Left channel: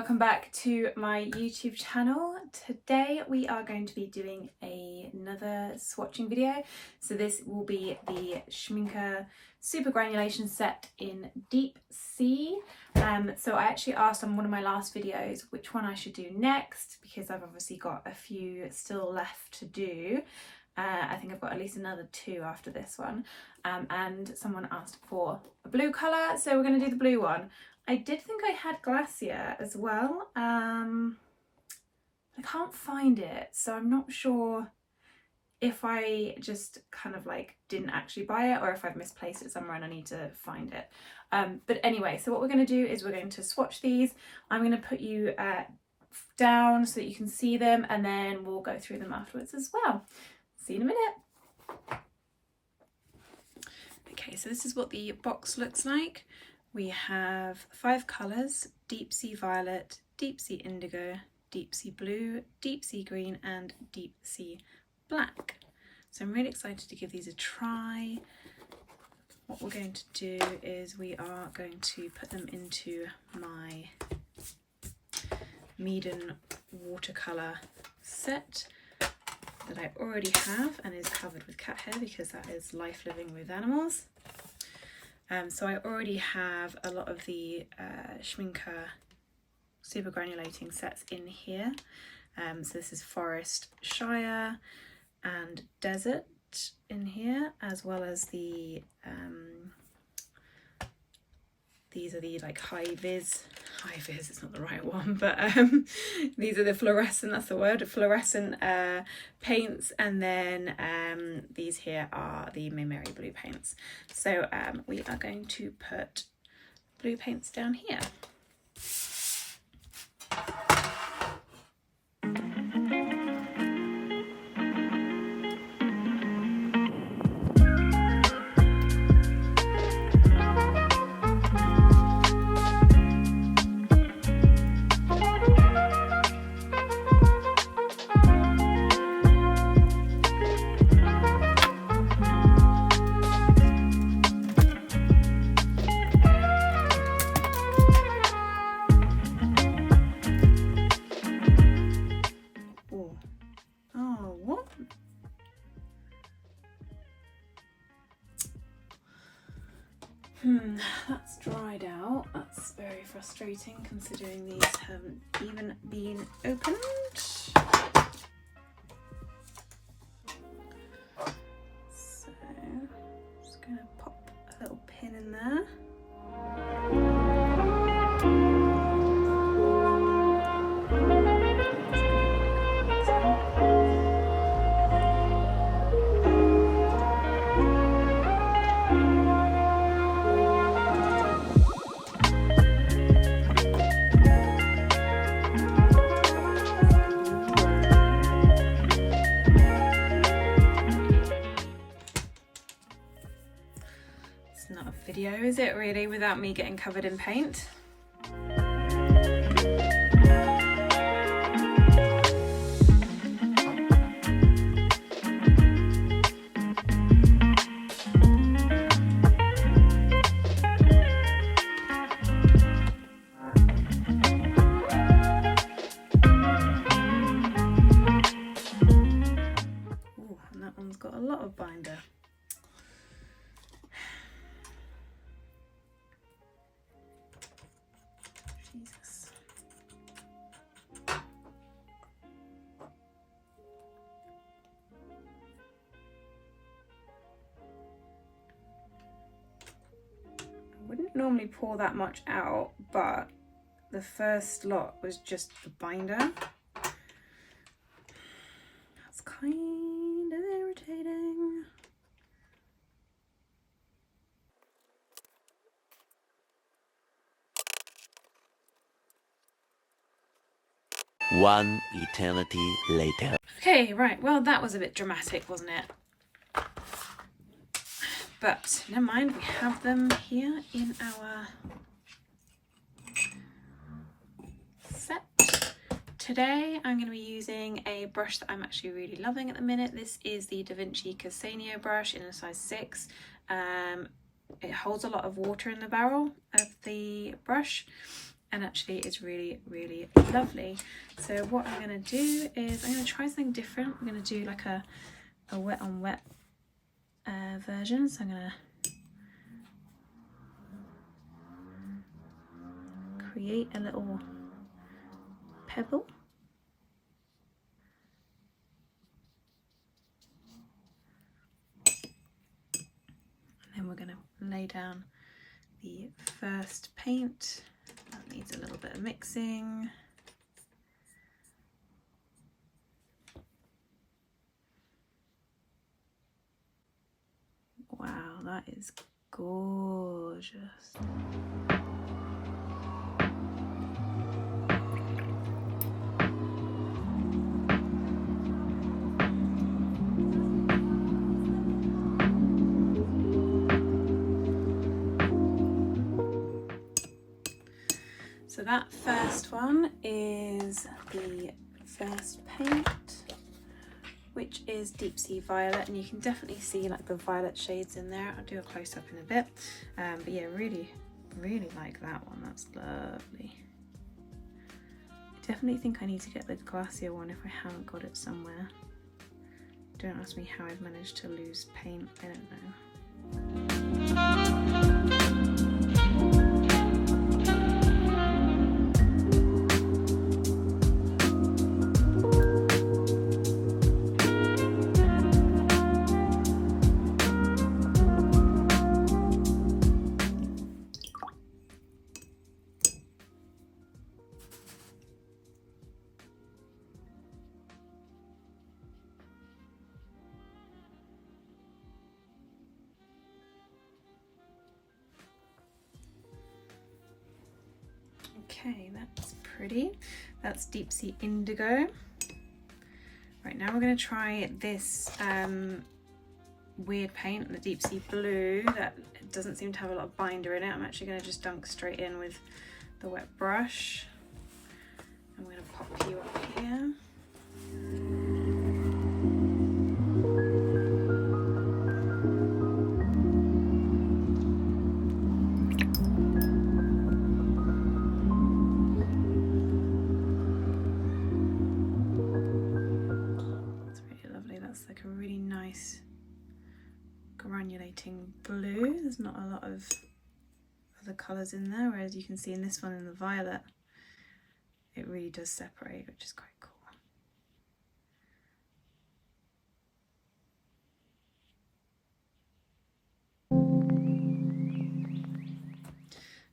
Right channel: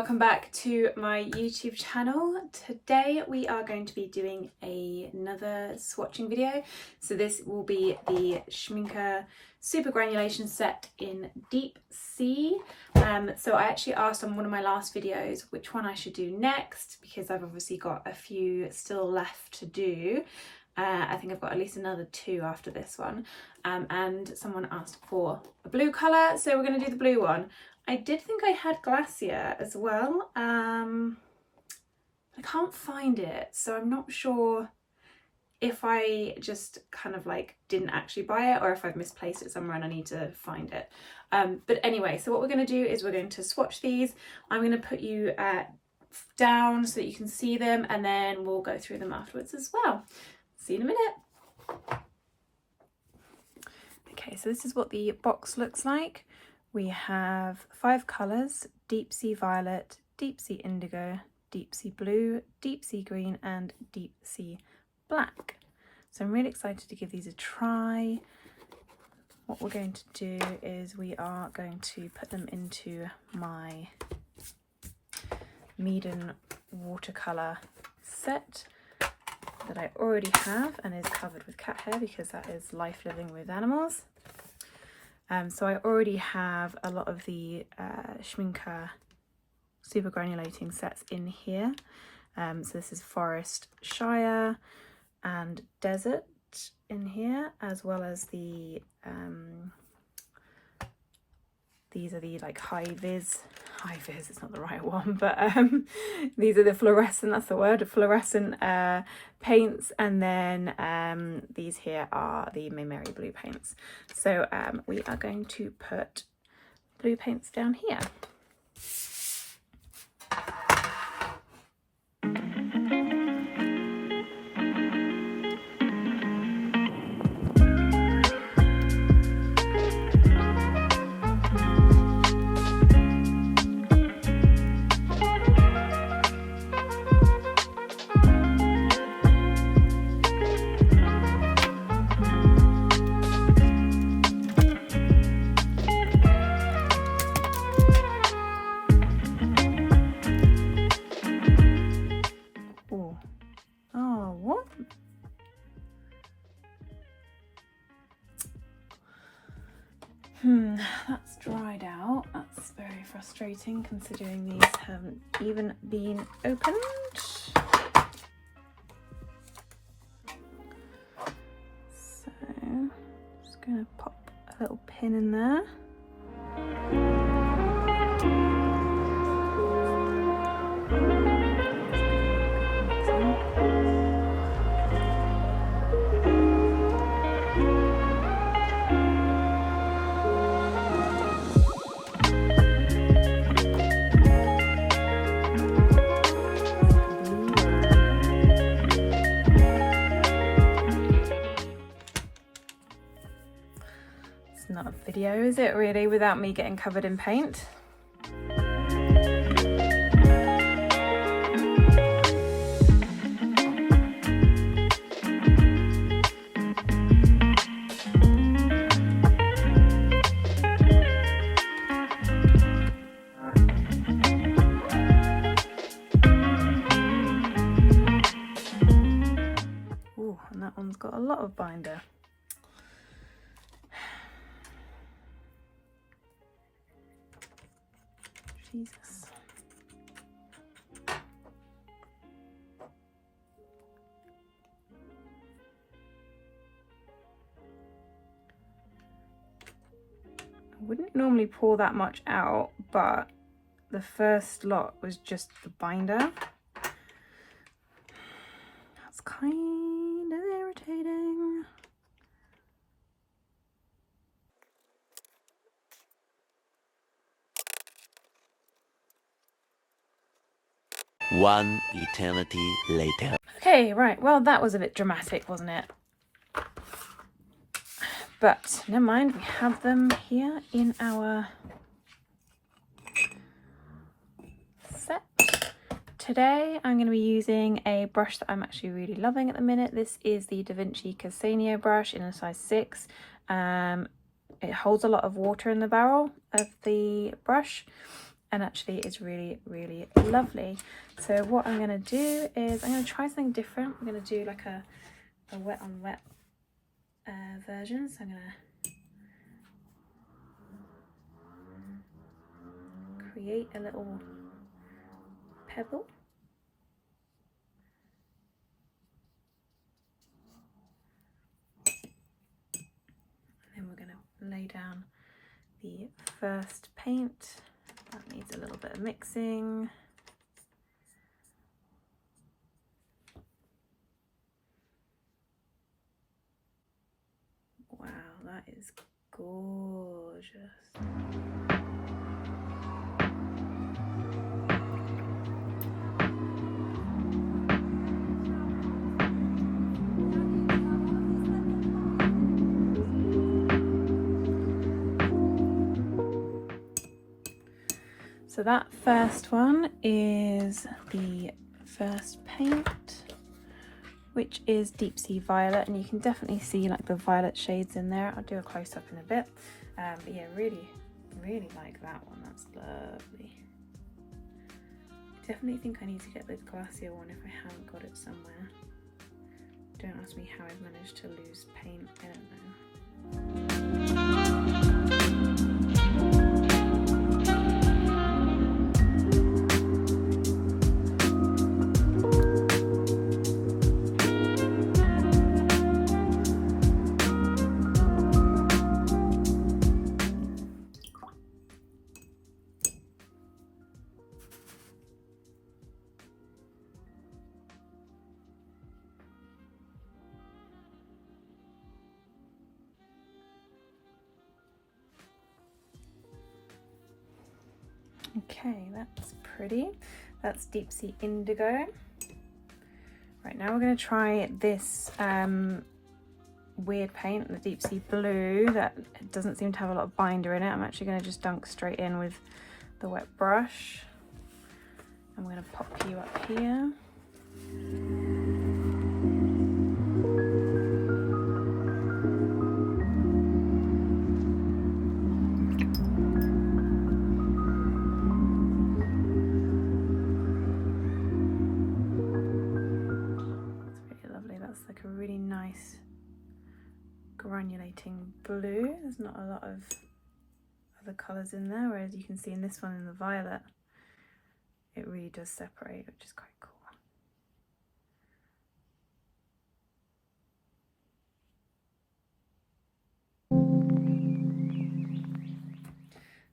welcome back to my YouTube channel. Today we are going to be doing another swatching video. So this will be the Schmicke Supergranulation set in Deep Sea. So I actually asked on one of my last videos which one I should do next, because I've obviously got a few still left to do. I think I've got at least another 2 after this one, and someone asked for a blue colour, so we're going to do the blue one. I did think I had Glacier as well. I can't find it, so I'm not sure if I just kind of like didn't actually buy it or if I've misplaced it somewhere and I need to find it. But anyway, so what we're going to do is we're going to swatch these. I'm going to put you down so that you can see them, and then we'll go through them afterwards as well. See you in a minute. Okay, so this is what the box looks like. We have 5 colours: Deep Sea Violet, Deep Sea Indigo, Deep Sea Blue, Deep Sea Green and Deep Sea Black. So I'm really excited to give these a try. What we're going to do is we are going to put them into my Meaden watercolour set that I already have and is covered with cat hair because that is life living with animals. So I already have a lot of the Schminke Supergranulating sets in here. So this is Forest, Shire and Desert in here, as well as the these are the like high vis, it's not the right one, but these are the fluorescent, that's the word, fluorescent paints, and then these here are the Mimeri blue paints. So we are going to put blue paints down here. That's dried out. That's very frustrating considering these haven't even been opened. So just going to pop a little pin in there. Not a video, is it really, without me getting covered in paint? Ooh, and that one's got a lot of binder. Jesus. I wouldn't normally pour that much out, but the first lot was just the binder. That's kind of irritating. One eternity later. Okay, right, well that was a bit dramatic, wasn't it? But never mind, we have them here in our set. Today I'm going to be using a brush that I'm actually really loving at the minute. This is the Vinci Casaneo brush in a size 6. It holds a lot of water in the barrel of the brush. and actually it's really, really lovely. So what I'm going to do is I'm going to try something different. I'm going to do like a wet on wet version. So I'm going to create a little pebble. And then we're going to lay down the first paint. That needs a little bit of mixing. Wow, that is gorgeous. So that first one is the first paint, which is Deep Sea Violet, and you can definitely see like the violet shades in there. I'll do a close-up in a bit, but yeah, really like that one. That's lovely. I definitely think I need to get the glacier one if I haven't got it somewhere. Don't ask me how I've managed to lose paint, I don't know. Okay, that's pretty. That's Deep Sea Indigo. Right, now we're going to try this weird paint, the Deep Sea Blue, that doesn't seem to have a lot of binder in it. I'm actually going to just dunk straight in with the wet brush. I'm going to pop you up here. Like a really nice granulating blue. There's not a lot of other colours in there, whereas you can see in this one, in the violet, it really does separate, which is quite cool.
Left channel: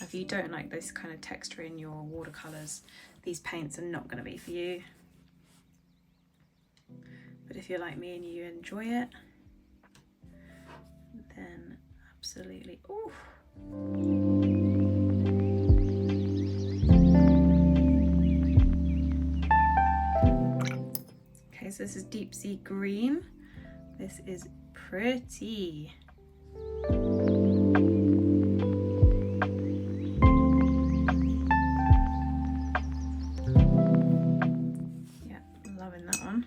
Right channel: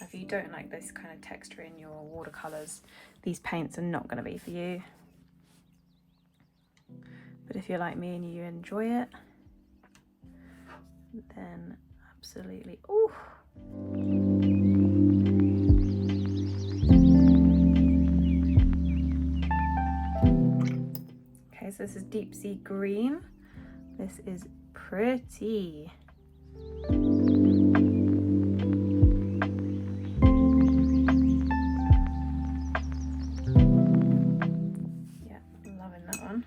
If you don't like this kind of texture in your watercolours, these paints are not going to be for you. But if you're like me and you enjoy it, then absolutely. Ooh. Okay, so this is Deep Sea Green. This is pretty. Yeah, loving that one.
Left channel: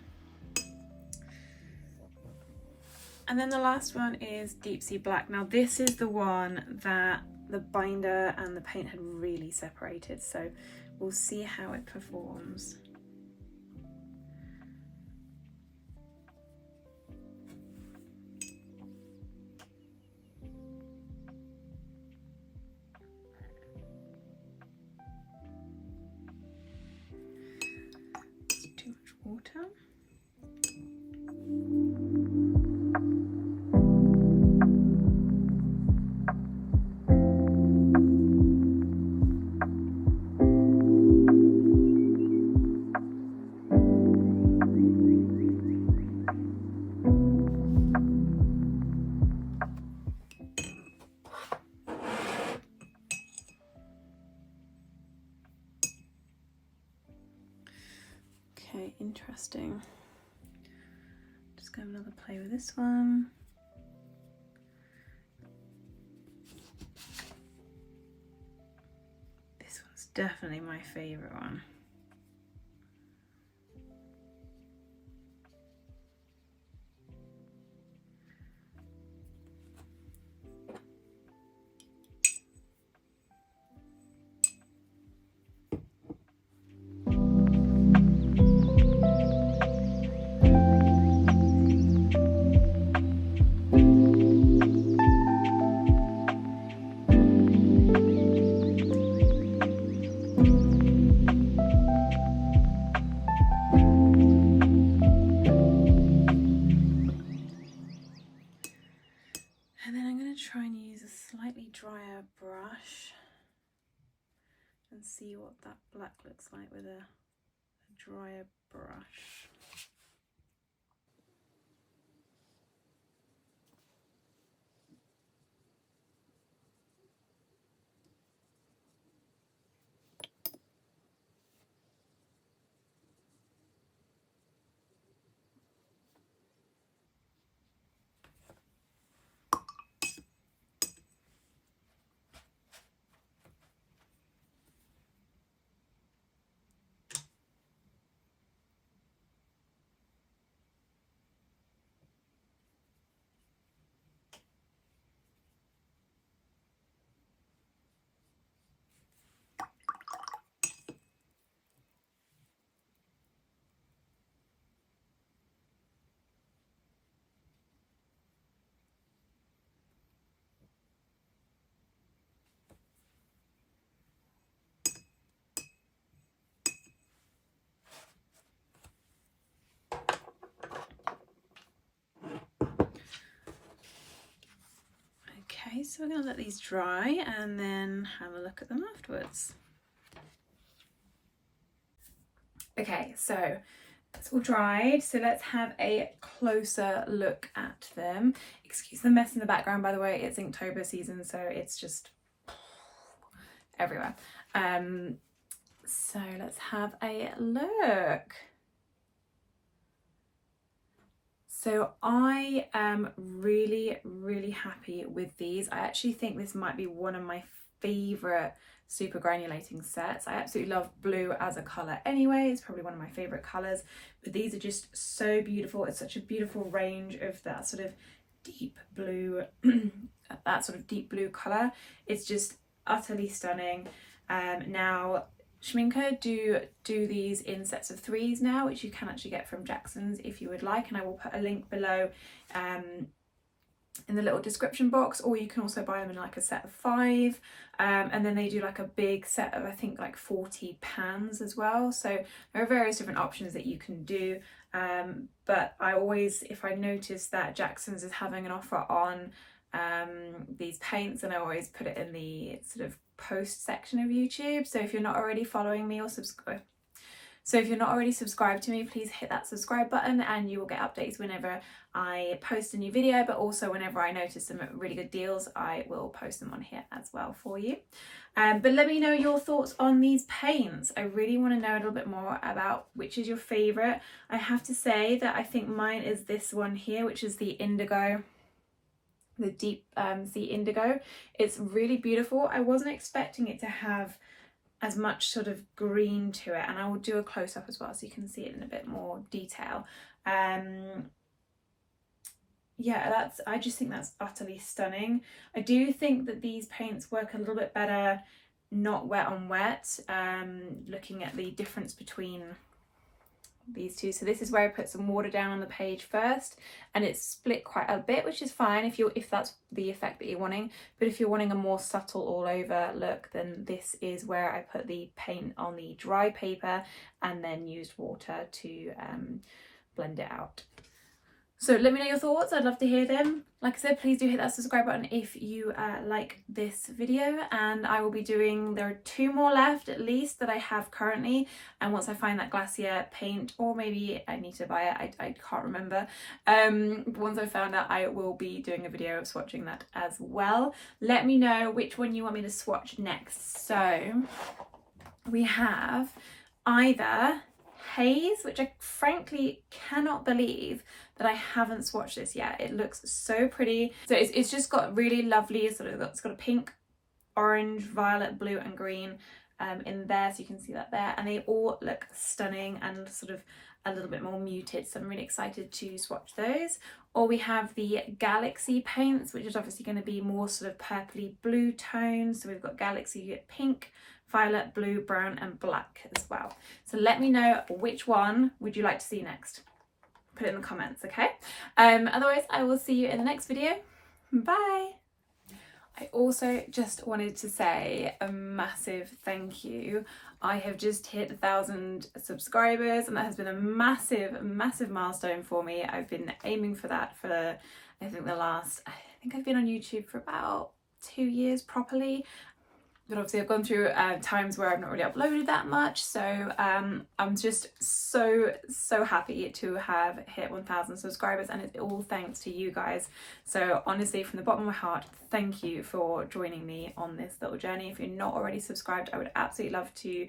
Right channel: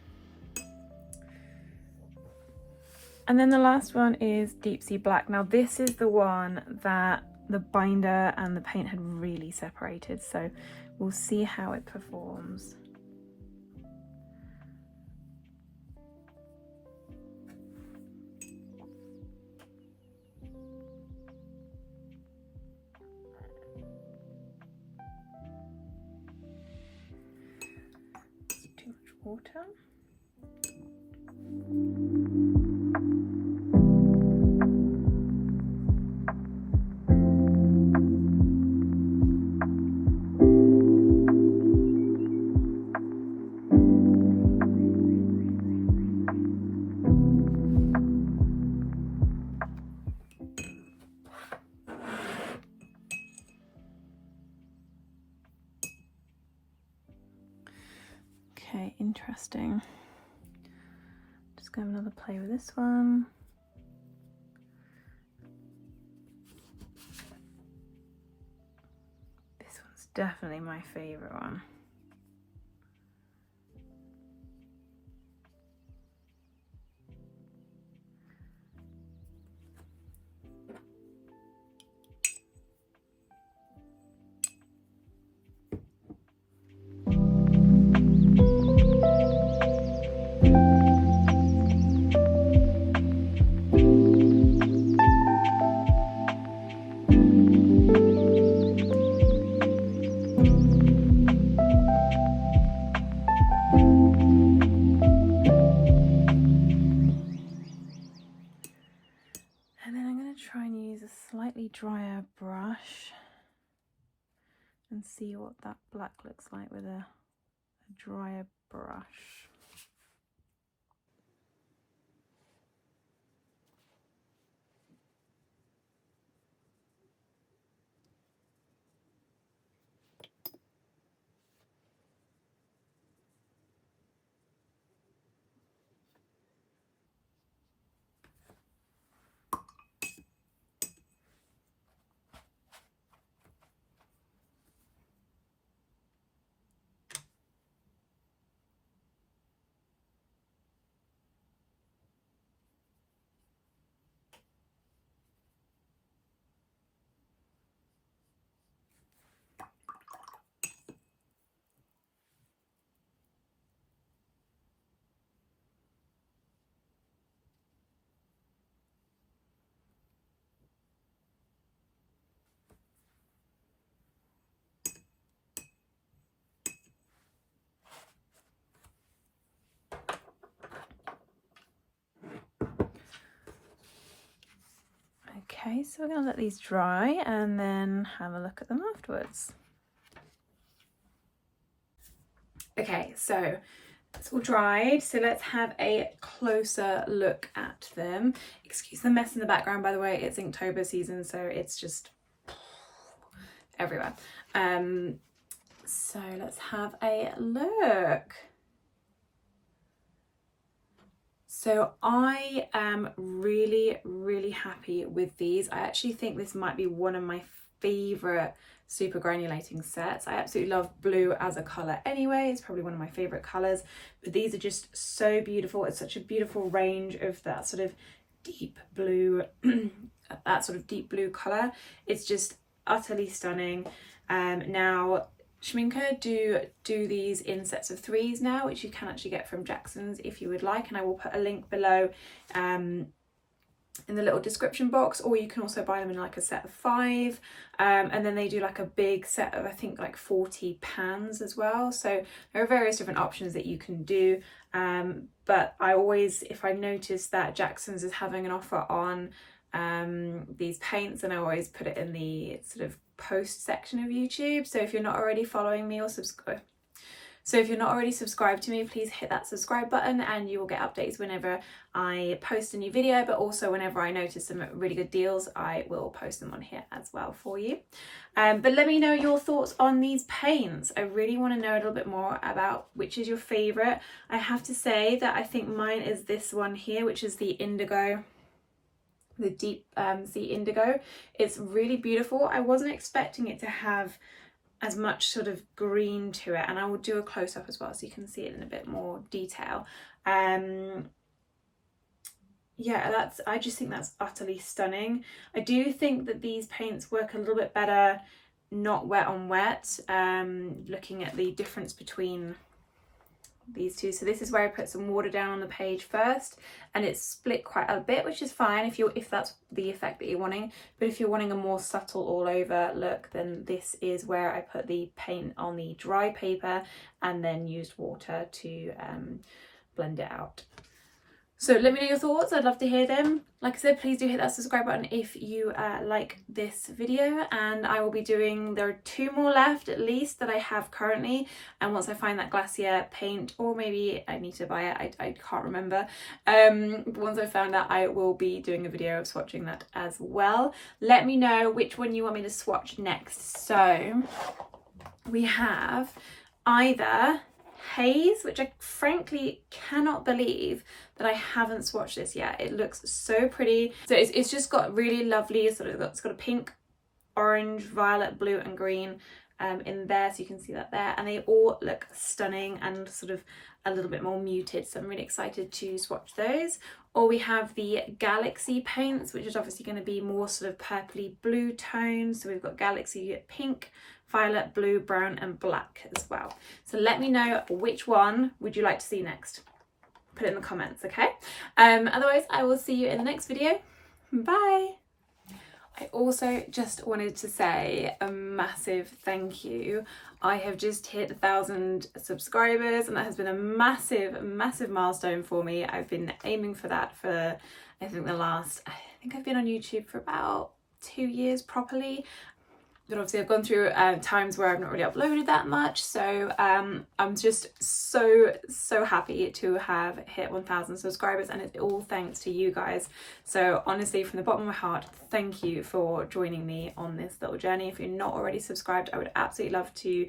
And then the last one is Deep Sea Black. Now this is the one that the binder and the paint had really separated, so we'll see how it performs. It's too much water. Okay, interesting. Just go have another play with this one. This one's definitely my favourite one. slightly drier brush and see what that black looks like with a drier brush. Okay, so we're going to let these dry and then have a look at them afterwards. Okay, so it's all dried, so let's have a closer look at them. Excuse the mess in the background, by the way, it's Inktober season, so it's just everywhere. So let's have a look. So I am really happy with these. I actually think this might be one of my favorite super granulating sets. I absolutely love blue as a color anyway. It's probably one of my favorite colors, but these are just so beautiful. It's such a beautiful range of that sort of deep blue, that sort of deep blue color. It's just utterly stunning. Now Schmicke do these in sets of 3s now, which you can actually get from Jackson's if you would like, and I will put a link below in the little description box, or you can also buy them in like a set of 5, and then they do like a big set of I think like 40 pans as well. So there are various different options that you can do, but I always, if I notice that Jackson's is having an offer on these paints, and I always put it in the sort of post section of YouTube. So if you're not already following me or subscribed to me, please hit that subscribe button and you will get updates whenever I post a new video, but also whenever I notice some really good deals, I will post them on here as well for you. But let me know your thoughts on these paints. I really want to know a little bit more about which is your favorite. I have to say that I think mine is this one here, which is the indigo, the deep sea indigo. It's really beautiful. I wasn't expecting it to have as much sort of green to it, and I will do a close-up as well so you can see it in a bit more detail. Yeah, I just think that's utterly stunning. I do think that these paints work a little bit better not wet on wet, looking at the difference between these two. So this is where I put some water down on the page first, and it's split quite a bit, which is fine if that's the effect that you're wanting. But if you're wanting a more subtle all over look, then this is where I put the paint on the dry paper and then used water to blend it out. So let me know your thoughts. I'd love to hear them. Like I said, please do hit that subscribe button if you like this video, and I will be doing, there are 2 more left at least that I have currently, and once I find that glacier paint, or maybe I need to buy it, I can't remember, once I found that, I will be doing a video of swatching that as well. Let me know which one you want me to swatch next. So we have either Haze, which I frankly cannot believe that I haven't swatched this yet. It looks so pretty. So it's just got really lovely sort of, it's got a pink, orange, violet, blue and green in there, so you can see that there, and they all look stunning and sort of a little bit more muted, so I'm really excited to swatch those. Or we have the Galaxy paints, which is obviously going to be more sort of purpley blue tones. So we've got Galaxy pink, violet, blue, brown and black as well. So let me know which one would you like to see next. Put it in the comments, okay? Otherwise I will see you in the next video. Bye. I also just wanted to say a massive thank you. I have just hit 1,000 subscribers, and that has been a massive milestone for me. I've been aiming for that for I think I've been on YouTube for about 2 years properly. But obviously I've gone through times where I've not really uploaded that much, so I'm just so happy to have hit 1,000 subscribers, and it's all thanks to you guys. So honestly, from the bottom of my heart, thank you for joining me on this little journey. If you're not already subscribed, I would absolutely love to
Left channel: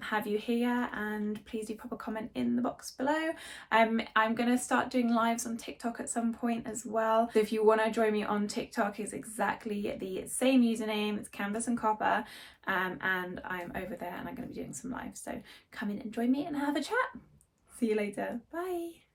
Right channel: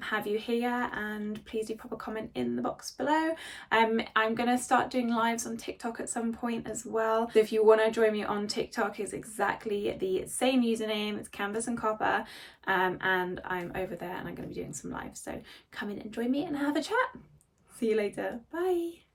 have you here, and please do pop a comment in the box below. I'm gonna start doing lives on TikTok at some point as well, so if you want to join me on TikTok, it's exactly the same username, it's Canvas and Copper, and I'm over there and I'm going to be doing some lives, so come in and join me and have a chat. See you later, bye.